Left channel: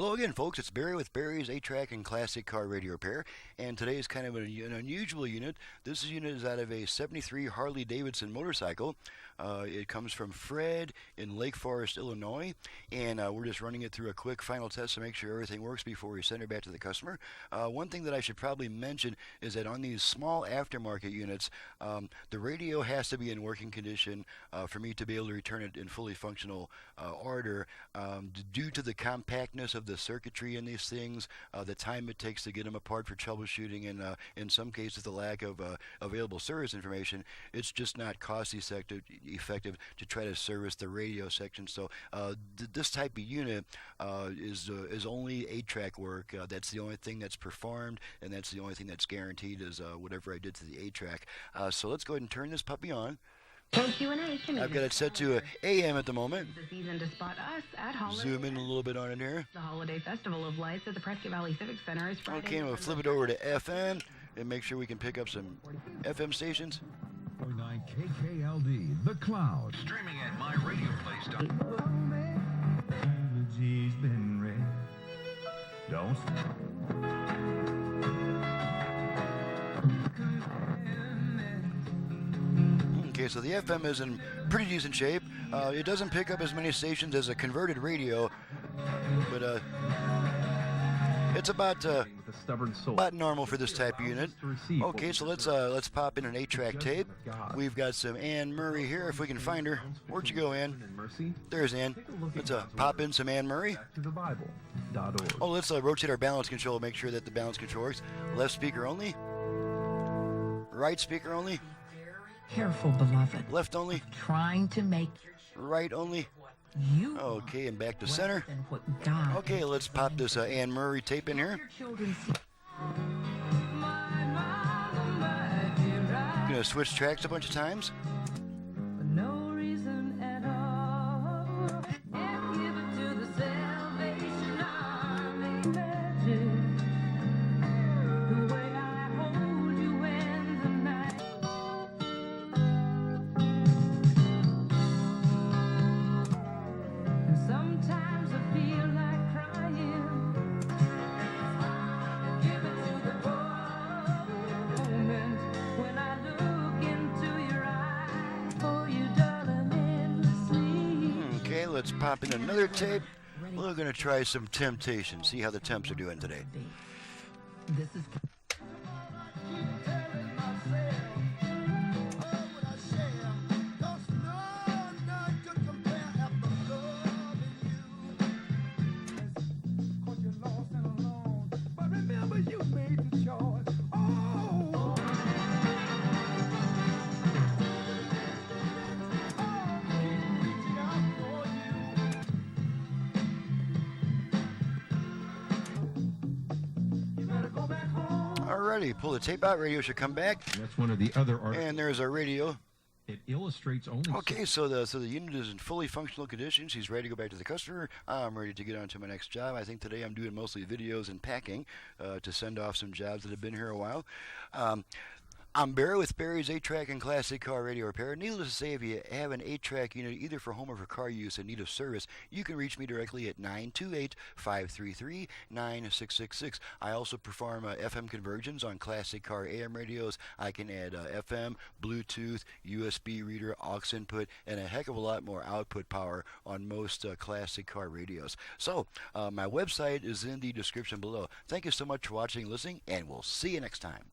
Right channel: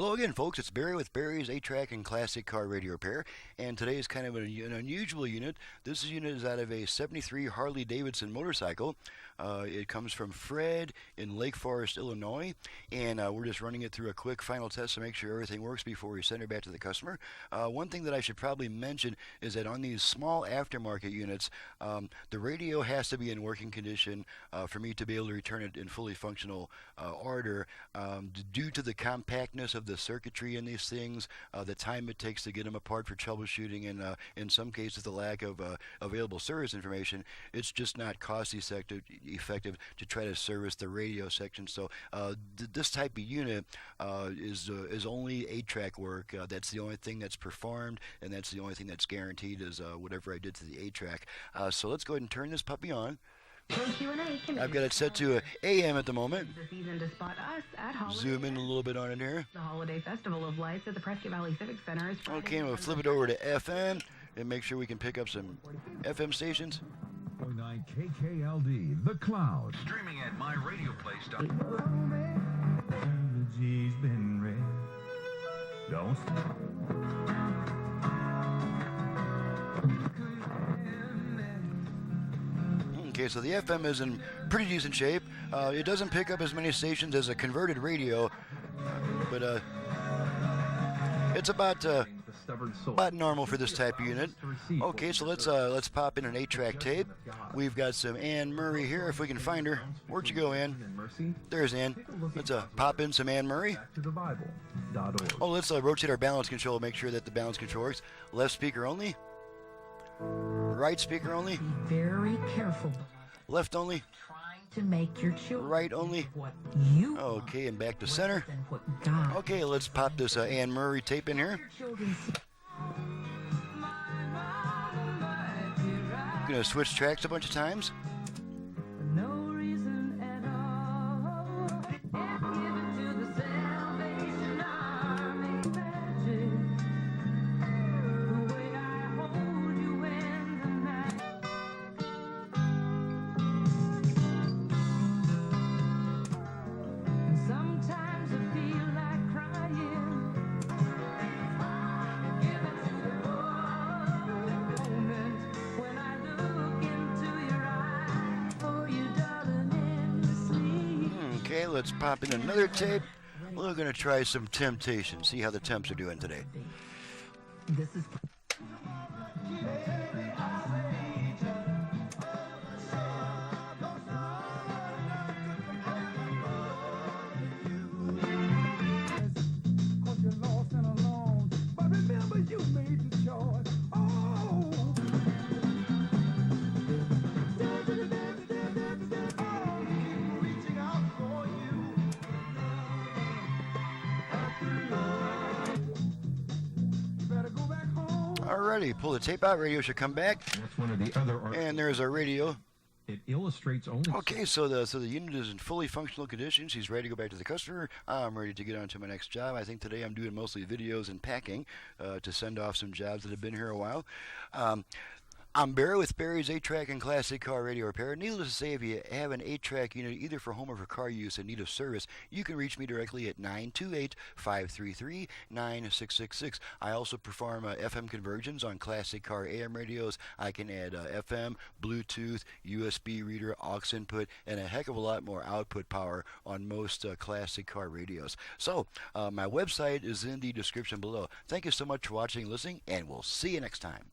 Hello again, folks. It's Barry with Barry's 8-Track and Classic Car Radio Repair, and today is kind of an unusual unit. This unit is out of a 73 Harley Davidson motorcycle. It comes from Fred in Lake Forest, Illinois, and we're just running it through a quick final test to make sure everything works before we send it back to the customer. One thing that I should probably mention is that on these small aftermarket units, the radio has to be in working condition for me to be able to return it in fully functional order. Due to the compactness of the circuitry in these things, the time it takes to get them apart for troubleshooting, and in some cases the lack of available service information, it's just not cost effective to try to service the radio section. So this type of unit is only 8-track work. That's the only thing that's performed, and that's the only thing that's guaranteed is whatever I did to the 8-track. So let's go ahead and turn this puppy on. I've got it set to AM at the moment. Zoom in a little bit on it here. Okay, we'll flip it over to FM and make sure we can pick up some FM stations. Okay, so the FM is in pretty decent shape. It doesn't pick up as many stations as a converted radio, but it's about normal for this type of unit. Okay, so let's pop in an 8-track tape. We've got some Ann Murray here, if we can find her. Where'd you go, Ann? There's Ann. Let's pop in some Ann Murray. Oh, let's rotate our balance control to make sure that the balance control works. Left speaker only. Right speaker only. Be very careful, beloved. Left only. Trying to make your children. Right only. Okay, and back to center. Okay, let's pop this Ann Murray tape in here. Gonna switch tracks a bunch of times. Okay, let's pop in another tape. We're going to try some Temptation, see how the Temps are doing today. Alrighty, pull the tape out. Radio should come back, and there's our radio. Okay, so the unit is in fully functional condition. She's ready to go back to the customer. I'm ready to get on to my next job. I think today I'm doing mostly videos and packing to send off some jobs that have been here a while. I'm Barry with Barry's 8-Track and Classic Car Radio Repair. Needless to say, if you have an 8-track unit either for home or for car use in need of service, you can reach me directly at 928-533-9666. I also perform FM conversions on classic car AM radios. I can add FM, Bluetooth, USB reader, aux input, and a heck of a lot more output power on most classic car radios. So, my website is in the description below. Thank you so much for watching and listening, and we'll see you next time.